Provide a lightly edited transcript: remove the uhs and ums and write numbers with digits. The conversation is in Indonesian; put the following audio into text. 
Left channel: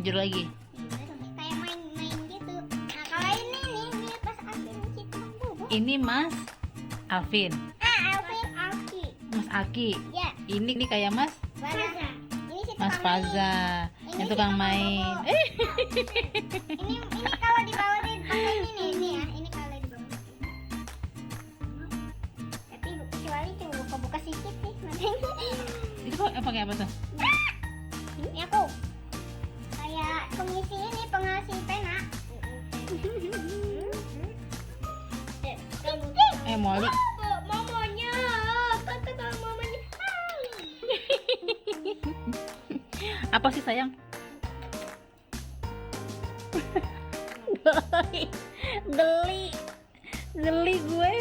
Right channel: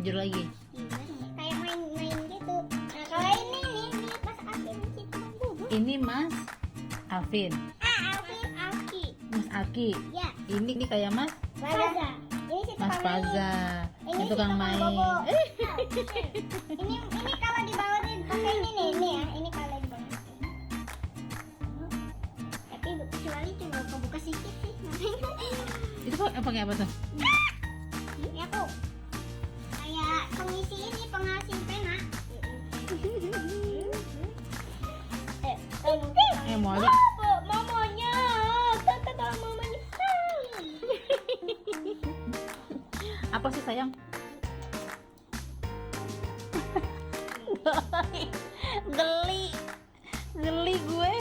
jujur lagi. Kayak main-main gitu. Nah kalau ini pas Alvin gitu juga. Ini Mas Alvin, Alvin Aki. Mas Aki. Ya. Ini kayak Mas Faza. Ini si Mas tukang Faza, Ini yang si tukang main. bobo. Ini kalau dibawain pakai ini nih ya. Ini kalau dibawain. Tapi kecuali cuma buka sedikit sih. Itu kok pakai apa tuh? Ini aku kayak pengisi ini pengasi pena. Malu. Mamanya, tante bawa mamanya. Apa sih sayang? Geli gue.